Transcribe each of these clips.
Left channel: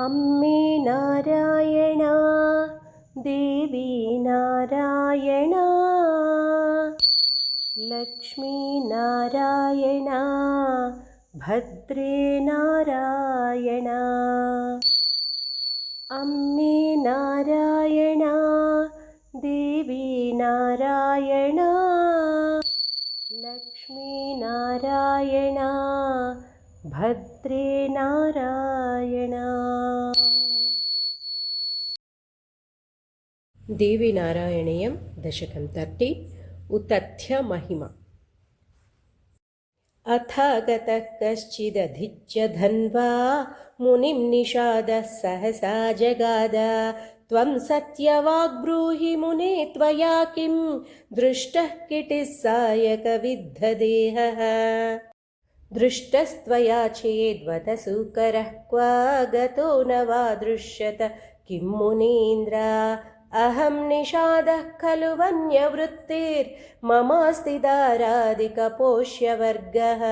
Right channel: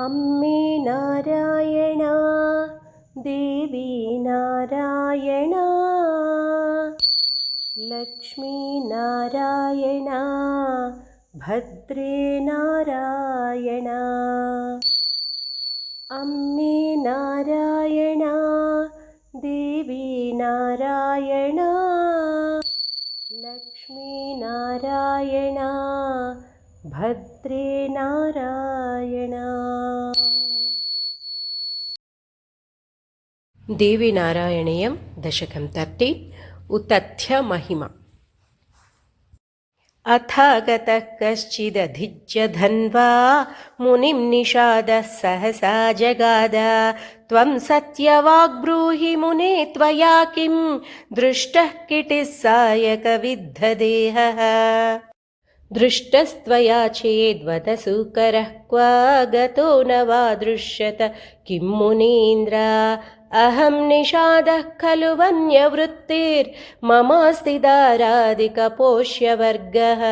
अम्मे नारायणा देवी नारायणा लक्ष्मी नारायणा भद्रे नारायणा अम्मे नारायणा देवी नारायणा लक्ष्मी नारायणा भद्रे नारायणा। देवी नारायणीयं दशकं 13 उतथ्य महिमा। अथागतः कश्चिदधिज्य धन्वा मुनिं निषादः सहसा जगाद। त्वं सत्यवाग्ब्रूहि मुने त्वया किं दृष्टः किटिः सायकविद्धदेहः। दृष्टस्त्वया चेद्वदसु करः क्व गतो न वा दृश्यत किं मुनीन्द्र। अहं निषादः खलु वन्यवृत्तिर्ममास्ति दारादिकपोष्यवर्गः।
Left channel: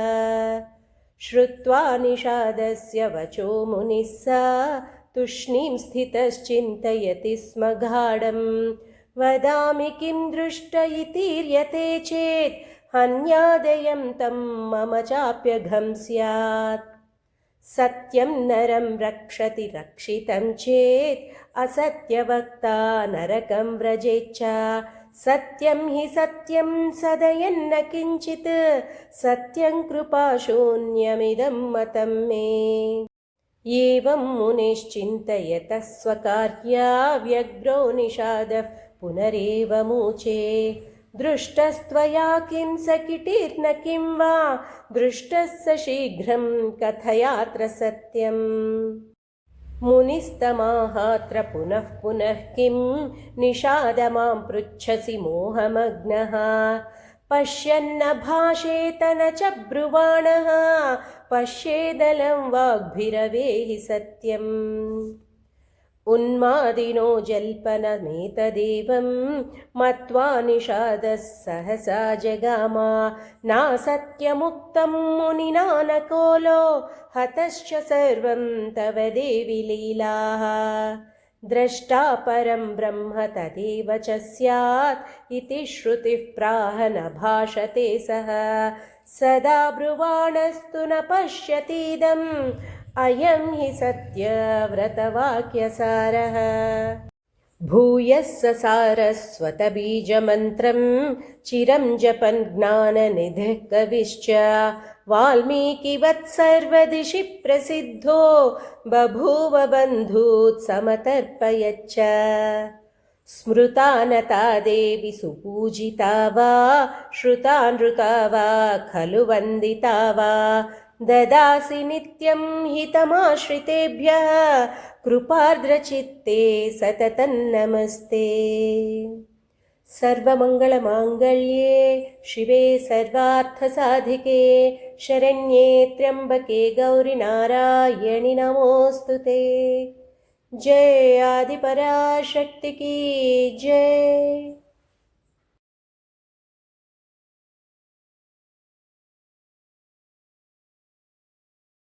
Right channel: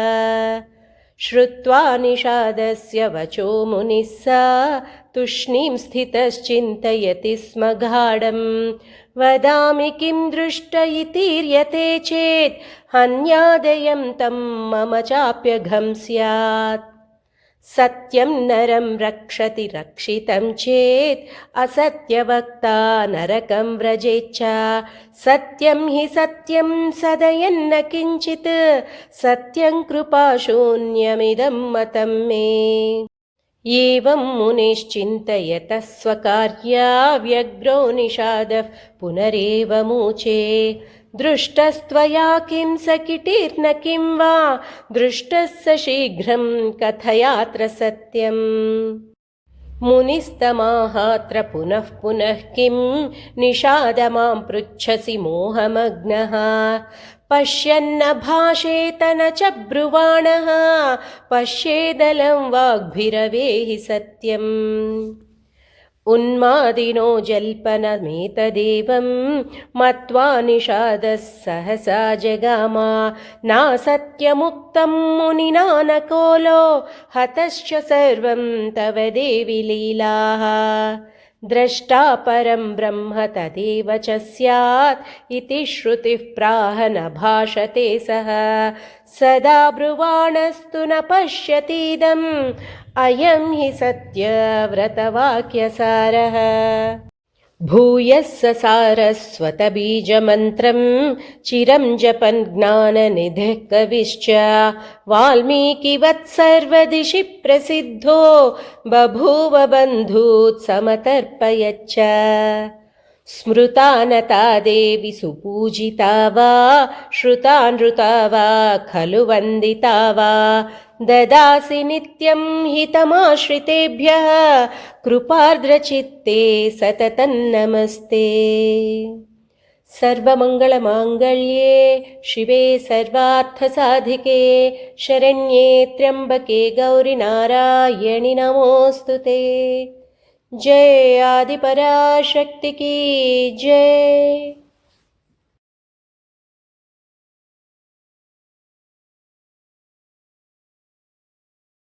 श्रुत्वा निषादस्य वचो मुनिः स तूष्णीं स्थितश्चिन्तयति स्म गाढम्। वदामि किं दृष्ट इतीर्यते चेत् हन्यादयं तं मम चाप्यघं स्यात्। सत्यं नरं रक्षति रक्षितं चेत् असत्यवक्ता नरकं व्रजेच्च। सत्यं हि सत्यं सदयन्न किञ्चित् सत्यं कृपाशून्यमिदं मतं मे। एवं मुनिश्चिन्तयतः स्वकार्या व्यग्रो निषादः पुनरेव मूचे। दृष्टस्त्वया किं स किटिर्न किं वा दृष्टः स शीघ्रं कथयात्र सत्यम्। मुनिस्तमाहात्र पुनः पुनः किं निषाद मां पृच्छसि मोहमग्नः। पश्यन्न भाषेत न च ब्रुवाणः पश्येदलं वाग्भिरवेहि सत्यम्। उन्मादिनो जल्पनमेतदेवं मत्वा निषादः सहसा जगाम। नासत्यमुक्तं मुनिना न कोलो हतश्च सर्वं तव देवि लीलाः। द्रष्टा परं ब्रह्म तदेव च स्यात् इति श्रुतिः प्राह न भाषते सः। सदा ब्रुवाणस्तु न पश्यतीदम् अयं हि सत्यव्रतवाक्यसारः। भूयः ससारस्वतबीजमन्त्रं चिरं जपन् ज्ञाननिधिः कविश्च। वाल्मीकिवत् सर्वदिशि प्रसिद्धो बभूव बन्धूत् समतर्पयच्च। स्मृता नता देवी सुपूजिता वा श्रुता नृता वा खलु वन्दिता वा। ददासि नित्यं हितमाश्रितेभ्यः कृपार्द्रचित्ते सततं नमस्ते। सर्वमङ्गलमाङ्गल्ये शिवे सर्वार्थसाधिके शरण्ये त्र्यम्बके गौरि नारायणि नमोऽस्तुते। जय आदिपराशक्ति की जय।